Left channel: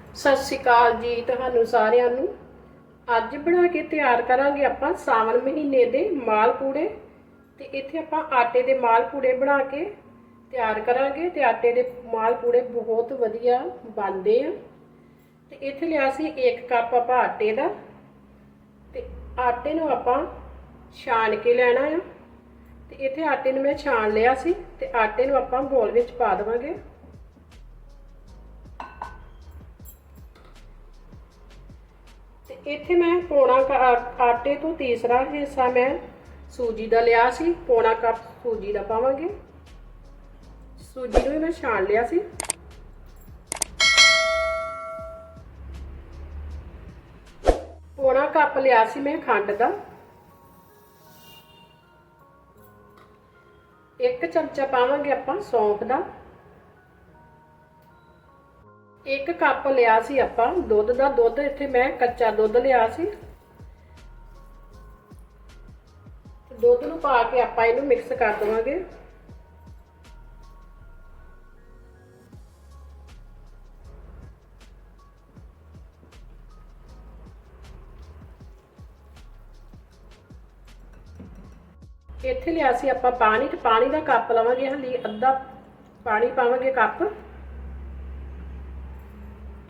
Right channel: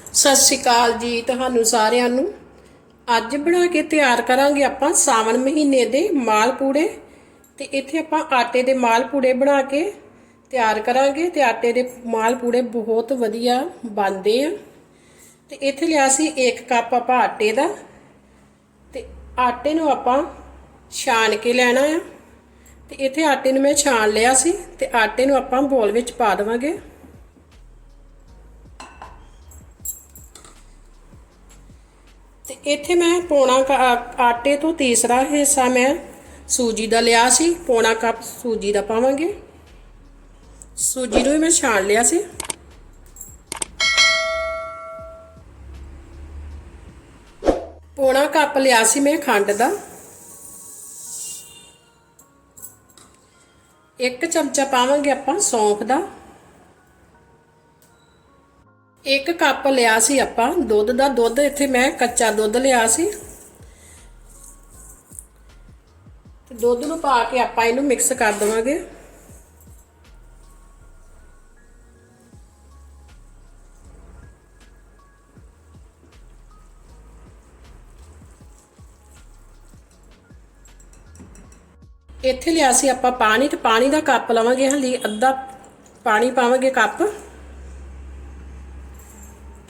ਸਤਿ ਸ਼੍ਰੀ ਅਕਾਲ ਜੀ ਤੁਹਾਨੂੰ ਸਾਰਿਆਂ ਨੂੰ। ਅੱਜ ਬਣਾ ਕੇ ਤਿਆਰ ਕਰਾਂਗੇ ਆਪਾਂ ਸਾਵਣ ਮਹੀਨੇ ਦੇ ਮਾਲ ਪੂੜੇ। ਤੇ ਇੱਥੇ ਆਪਾਂ ਆਟੇ ਦੇ ਮਾਲ ਪੂੜੇ ਬਣਾ ਕੇ ਤਿਆਰ ਕਰਾਂਗੇ ਤੇ ਆਟੇ ਦੇ ਮਾਲ ਪੂੜੇ ਬਹੁਤ ਵਧੀਆ ਬਣਦੇ ਆ। ਤੇ ਇੱਥੇ ਲਿਆ ਸੀ 1 ਕੱਪ ਆਪਾਂ ਆਟੇ ਦਾ। ਤੇ ਆਟੇ ਨੂੰ ਆਪਾਂ ਛਾਣ ਕੇ ਲੈਣਾ ਆ। ਤੇ ਇੱਥੇ ਆਟੇ ਨੂੰ ਮੈਂ ਛਾਣ ਲਿਆ ਸੀ ਤੇ ਆਟੇ ਨੂੰ ਆਪਾਂ ਬੋਲ ਵਿੱਚ ਪਾ ਦੇਵਾਂਗੇ। ਇੱਥੇ ਮੈਂ ਪੌਣਾ ਕ- ਆਟੇ ਤੋਂ ਤੀਸਰਾ ਹਿੱਸਾ ਮੈਂ ਸੂਜੀ ਦਾ ਲਿਆ ਸੀ। ਪੌਣਾ ਕੱਪ ਸੂਜੀ ਦਾ ਪਾਵਾਂਗੇ। ਸੂਜੀ ਨੂੰ ਮੈਂ ਛਾਣ ਲਿਆ ਸੀ। ਪੌਣਾ ਕੱਪ ਲਿਆ ਸੀ ਮੈਂ ਖੰਡ ਦਾ। ਇੱਕ ਚਮਚਾ ਪਾਵਾਂਗੇ ਆਪਾਂ ਸੌਂਫ ਦਾ। ਇੱਕ ਕੱਪ ਲਿਆ ਸੀ ਆਪਾਂ, ਦੁੱਧ ਦਾ ਦੁੱਧ, ਇੱਥੇ ਮੈਂ ਕੱਚਾ ਦੁੱਧ ਲਿਆ ਸੀ। ਦੁੱਧ ਨੂੰ ਪਾ ਕੇ ਆਪਾਂ ਇਹਨੂੰ ਮਿਕਸ ਕਰ ਦਵਾਂਗੇ। ਇੱਥੇ ਲਿਆ ਸੀ ਆਪਾਂ ਪਾਣੀ, ਤੇ ਪਾਣੀ ਦਾ ਕੱਪ ਲਵਾਂਗੇ, ਹਲੀ ਅੱਧਾ ਪਾਣੀ ਪਾਵਾਂਗੇ ਕੱਪ।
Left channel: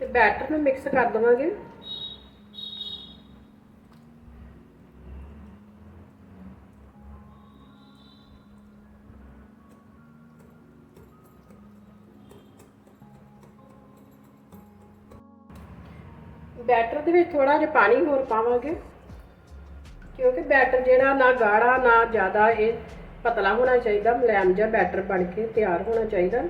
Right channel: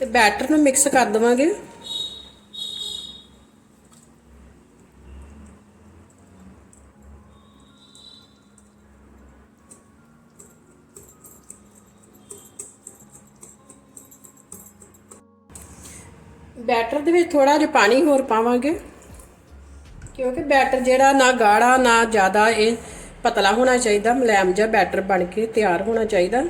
ਤੇ ਬੈਟਰ ਨੂੰ ਮਿਕਸ ਕਰ ਦਵਾਂਗੇ। ਬੈਟਰ ਦੇ ਵਿੱਚ ਥੋੜਾ ਜਿਹਾ ਪਾਣੀ ਹੋਰ ਪਾਵਾਂਗੇ, ਕਿਉਂਕਿ ਬੈਟਰ ਜਿਹੜਾ ਨਾ ਗਾੜਾ ਨਾ ਜ਼ਿਆਦਾ ਇਹ ਪਤਲਾ ਹੋਣਾ ਚਾਹੀਦਾ, ਮੁਲਾਇਮ ਜਿਹਾ ਬੈਟਰ ਬਣ ਕੇ ਤਿਆਰ ਹੋਣਾ ਚਾਹੀਦਾ।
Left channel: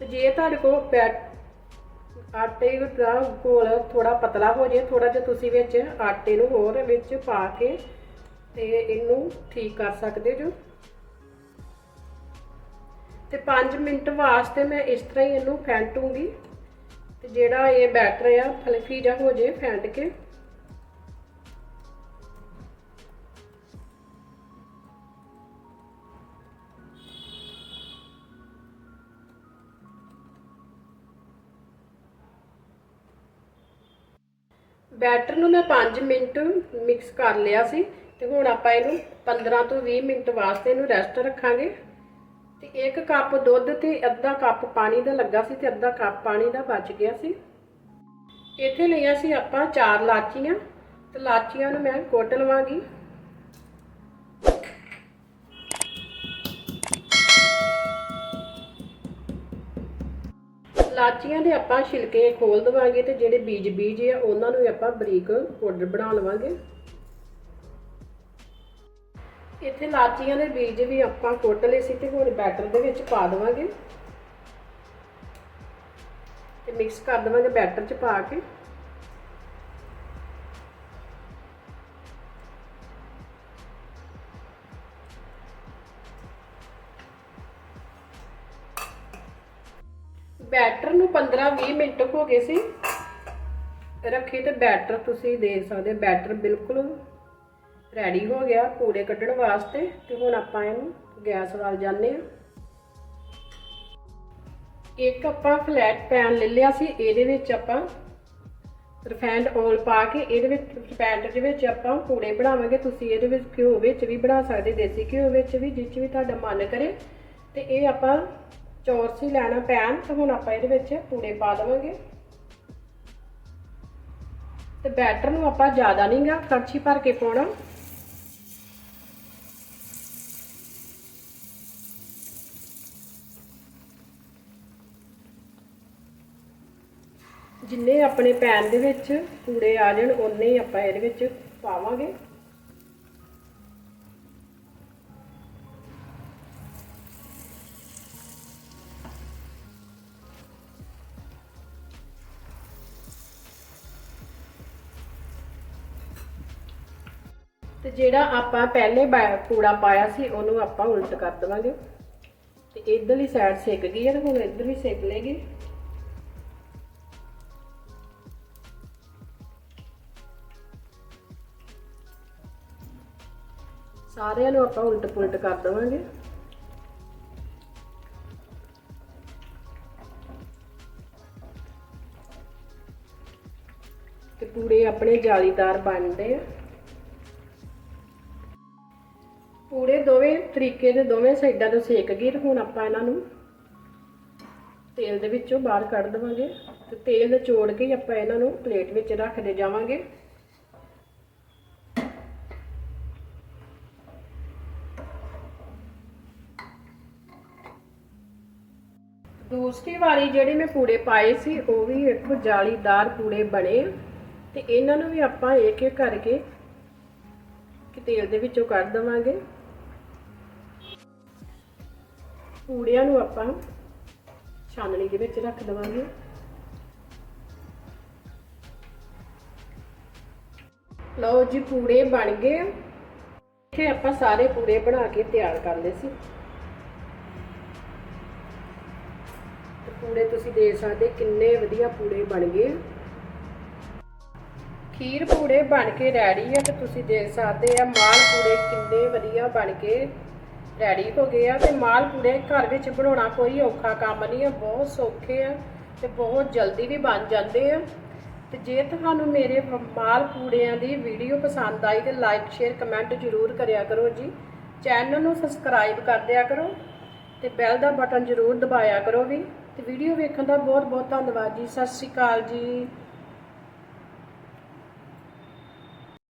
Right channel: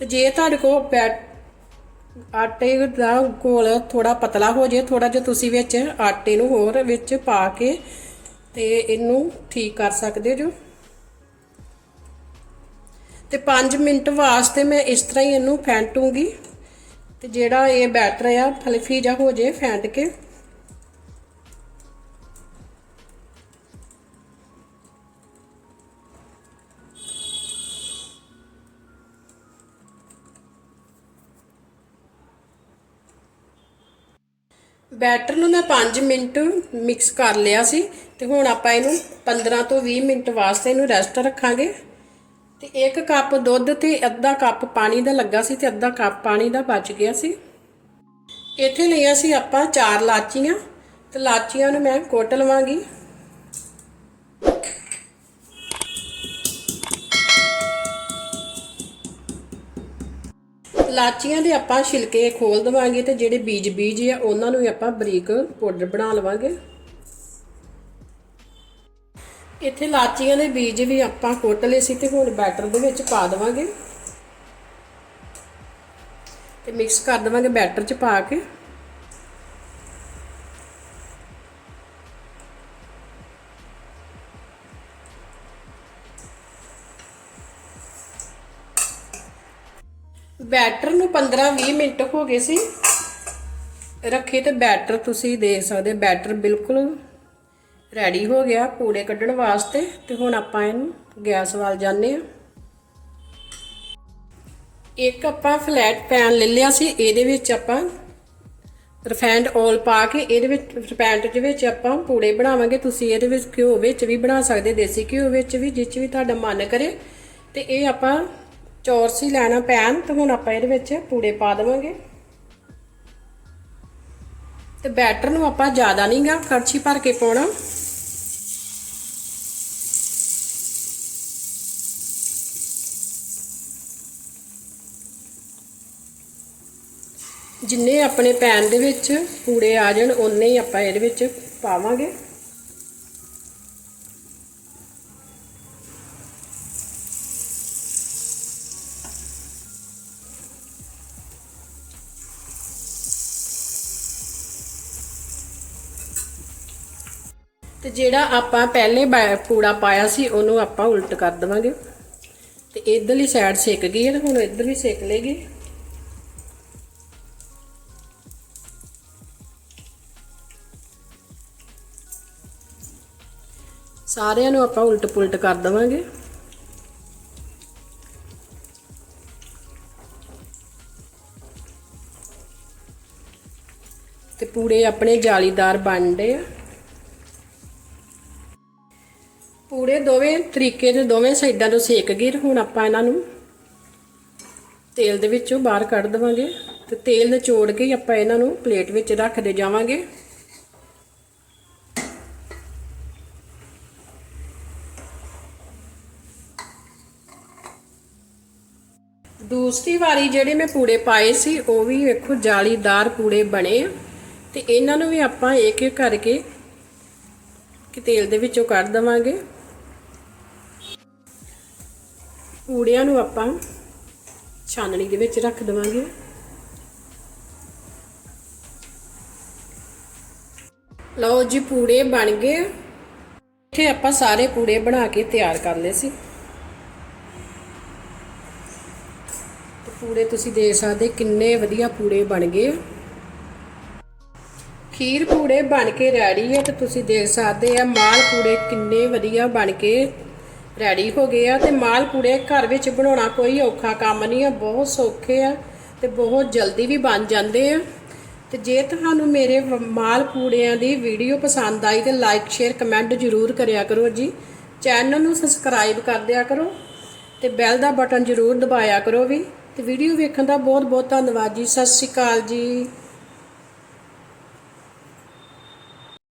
ਤੇ ਜੇ ਤੁਹਾਡੇ ਕੋਲ ਬੈਟ ਆਟੇ ਦਾ ਘੋਲ ਥੋੜਾ ਪਤਲਾ ਹੋ ਜੇ ਥੋੜਾ ਜਿਹਾ ਤੁਸੀਂ ਵਿੱਚ ਆਟੇ ਨੂੰ ਹੋਰ ਵਿੱਚ ਪਾ ਕੇ ਤੇ ਇਹਨੂੰ ਠੀਕ ਕਰ ਸਕਦੇ ਜੋ। ਤੇ 5 ਮਿੰਟ ਵਾਸਤੇ ਮੈਂ ਇਸ ਤਰ੍ਹਾਂ ਹੀ ਇਹਨੂੰ ਫੈਂਟੂਗੀ ਤੇ ਜਿਹੜਾ ਇਹ ਬੈਟਰ ਆ, ਫਲਫੀ ਜਿਹਾ ਹੋ ਜੇ ਫੈਂਟ ਕੇ। ਬੈਟਰ ਨੂੰ ਮੈਂ 5 ਮਿੰਟ ਮਿਕਸ ਕਰ ਲਿਆ ਸੀ ਤੇ ਹੁਣ ਆਪਾਂ ਇਹਨੂੰ 15 ਤੋਂ 20 ਮਿੰਟ ਵਾਸਤੇ ਇਹਨੂੰ ਰੈਸਟ ਰੱਖਾਂਗੇ। ਤੇ 1 ਕੱਪ ਦੁੱਧ ਤੇ ਅੱਧਾ ਕੱਪ ਪਾਣੀ ਦਾ ਲੱਗਾ ਸੀ ਤੇ ਅੱਧਾ ਕੱਪ ਪਾਣੀ ਦਾ ਬਚ ਗਿਆ ਸੀ। ਇੱਥੇ ਲਈਆਂ ਸੀ ਆਪਾਂ ਚਾਰ ਲਾਚੀਆਂ। ਤੇ ਲਾਚੀਆਂ ਨੂੰ ਮੈਂ ਕੁੱਟ ਲਵਾਂਗੀ। ਲਾਚੀਆਂ ਦੇ ਆਪਾਂ ਛਿਲਕੇ ਖੋਲ ਦਵਾਂਗੇ ਤੇ ਜਿਹੜੇ ਬੀਜ ਬੀਜ ਆ, ਉਹਨਾਂ ਨੂੰ ਵੀ ਆਪਾਂ ਬਰੀਕ ਪਾਊਡਰ ਬਣਾ ਲਵਾਂਗੇ। ਇੱਥੇ ਲਾਚੀਆਂ ਦੇ ਬੀਜ ਵੀ ਆਪਾਂ ਕੁੱਟ ਲਏ ਸੀ ਤੇ ਹੁਣ ਬੈਟਰ ਦੇ ਵਿੱਚ ਪਾ ਦਵਾਂਗੇ। ਤੇ ਮਿਕਸ ਕਰ ਦਵਾਂਗੇ ਬੈਟਰ 'ਚ ਪਾ ਕੇ। ਬੈਟਰ ਨੂੰ 15-20 ਮਿੰਟ ਹੋ ਗਏ ਸੀ। ਰੱਖੇ ਤੇ ਬੈਟਰ ਤੁਸੀਂ ਦੇਖ ਸਕਦੇ ਬੈਟਰ ਬਿਲਕੁਲ ਰੈਡੀ ਹੋ ਗਿਆ ਪੂੜੇ ਕੱਢਣ ਵਾਸਤੇ ਤੇ ਹੁਣ ਆਪਾਂ ਇਹਨੂੰ ਗੈਸ ਵੱਲ ਜਾਂਦੇ ਆ ਇੱਕ ਆਪਾਂ ਫਲੈਟ ਪੈਨ ਲੈ ਲਿਆ ਸੀ, ਇਹਦੇ ਵਿੱਚ ਆਪਾਂ ਰਿਫਾਈਨਡ ਆਇਲ ਪਾ ਕੇ ਇਹਦੇ ਵਿੱਚ ਰਿਫਾਈਨਡ ਦੇ ਵਿੱਚ ਆਪਾਂ ਪੂੜੇ ਬਣਾਵਾਂਗੇ। ਤੁਸੀਂ ਇਹਦੇ ਵਿੱਚ ਘਿਓ ਵਿੱਚ ਵੀ ਬਣਾ ਸਕਦੇ ਦੇਸੀ ਘਿਓ ਵਿੱਚ ਵੀ, ਜਿਸ 'ਚ ਵੀ ਤੁਹਾਡਾ ਮਨ ਕਰੇ। ਤੇ ਇਹ ਆਪਾਂ ਚੌਰਸੀ ਲੈਣਾ ਪੈਨ ਤੇ ਹੁਣ ਆਪਾਂ ਇਹਦੇ ਵਿੱਚ ਪੂੜੇ ਪਾ ਦੇਵਾਂਗੇ। ਤੇ ਬੈਟਰ ਨੂੰ ਆਪਾਂ ਜ਼ਿਆਦਾ ਨਹੀਂਗਾ ਕੜਛੀ ਭਰ ਕੇ ਪਾਉਣਾ। ਜਿੰਨੇ ਆਪਣੇ ਪੈਨ ਦੇ ਵਿੱਚ ਪੂੜੇ ਆ ਜਾਣ ਉਨੇ ਹੀ ਆਪਾਂ ਇਹਦੇ ਵਿੱਚ ਪਾਵਾਂਗੇ। ਤੇ ਜਿਹੜਾ ਆਪਾਂ ਪਹਿਲੇ ਪੂੜਾ ਪਾਇਆ ਸੀ, ਉਹਨੂੰ ਆਪਾਂ ਉਲਟ ਕਰ ਦਵਾਂਗੇ। ਤੇ ਇਧਰਲੀ ਸਾਈਡ ਸੇਕ ਗਈ ਹੈ ਤੇ ਹੁਣ ਇਧਰ ਵੀ ਸੇਕ ਲੇਗੀ ਸਾਰਿਆਂ ਨੂੰ ਆਪਾਂ ਉਲਟ ਪੁਲਟ ਕਰ ਦਵਾਂਗੇ। ਤੇ ਪੂੜੇ ਆਪਣੇ ਜਾਲੀਦਾਰ ਬਣਦੇ ਆ। ਪੂੜੇ ਦੋਵੇਂ ਤਰੀਕੇ ਦੇ ਦੋਵੇਂ ਸਾਈਡਾਂ ਤੋਂ ਸੇਕ ਗਏ ਹੁਣ ਆਪਾਂ ਇਹਨਾਂ ਨੂੰ ਤੇਲ ਦੇ ਵਿੱਚੋਂ ਬਾਹਰ ਕੱਢ ਦਵਾਂਗੇ ਤੇ ਤੇਲ ਨਿਚੋੜ ਕੇ ਆਪਾਂ ਇਹਨਾਂ ਨੂੰ ਪਲੇਟ ਵਿੱਚ ਰੱਖਦੇ ਜਾਵਾਂਗੇ। ਦੂਸਰੀ ਵਾਰੀ ਜਿਹੜੇ ਮੈਂ ਪੂੜੇ ਪਾਏ ਸੀ, ਉਹ ਵੀ ਵੇਖੋ ਜਾਲੀਦਾਰ ਪੂੜੇ ਬਣੇ ਆ ਤੇ ਇਹਨਾਂ ਨੂੰ ਵੀ ਆਪਾਂ ਇੱਕ ਇੱਕ ਕਰਕੇ ਕਿ ਤੇਲ ਦੇ ਵਿੱਚੋਂ ਕੱਢ ਦਵਾਂਗੇ। ਪੂੜਿਆਂ ਨੂੰ ਆਪਾਂ ਛਾਨਣੀ ਦੇ ਵਿੱਚ ਰੱਖ ਦਵਾਂਗੇ। ਲਓ ਜੀ, ਪੂੜੇ ਬਣ ਗਏ। ਇੱਥੇ ਆਪਾਂ ਸਾਰੇ ਪੂੜੇ ਬਣਾ ਕੇ ਤਿਆਰ ਕਰ ਲਏ ਸੀ। ਪੂੜੇ ਤੁਸੀਂ ਦੇਖ ਸਕਦੇ ਕਿੰਨੇ ਵਧੀਆ ਪੂੜੇ ਬਣ ਗਏ। ਖੀਰ ਪੂੜੇ ਬਣ ਕੇ ਰੈਡੀ ਹੈ ਤੇ ਤੁਸੀਂ ਦੇਖ ਸਕਦੇ ਆ ਮਾਲ ਪੂੜੇ ਕਿੰਨੇ ਵਧੀਆ ਬਣ ਕੇ ਰੈਡੀ ਹੋ ਗਏ ਆ ਤੇ ਮਾਲ ਪੂੜੇ ਘਰ ਵਿੱਚ ਬਣਾਉਣਾ ਕੋਈ ਔਖਾ ਕੰਮ ਨਹੀਂ ਆ, ਬਹੁਤ ਸੌਖੇ ਆ ਤੇ ਬਹੁਤ ਜਲਦੀ ਵੀ ਬਣ ਜਾਂਦੇ ਆ। ਤੇ ਜੇ ਤੁਹਾਨੂੰ ਮੇਰੇ ਮਾਲ ਪੂੜਿਆਂ ਦੀ ਵੀਡੀਓ ਪਸੰਦ ਆਈ ਤੇ ਲਾਈਕ ਸ਼ੇਅਰ ਕਮੈਂਟ ਜ਼ਰੂਰ ਕਰਿਆ ਕਰੋ ਜੀ। ਚੈਨਲ ਨੂੰ ਸਬਸਕ੍ਰਾਈਬ ਕਰ ਦਿਆ ਕਰੋ ਤੇ ਬੈਲ ਦਾ ਬਟਨ ਜ਼ਰੂਰ ਦਬਾਇਆ ਕਰੋ ਵੀ। ਤੇ ਵੀਡੀਓ ਵੇਖਣ ਦਾ ਬਹੁਤ ਬਹੁਤ ਧੰਨਵਾਦ ਜੀ। ਸਤਿ ਸ਼੍ਰੀ ਅਕਾਲ ਜੀ।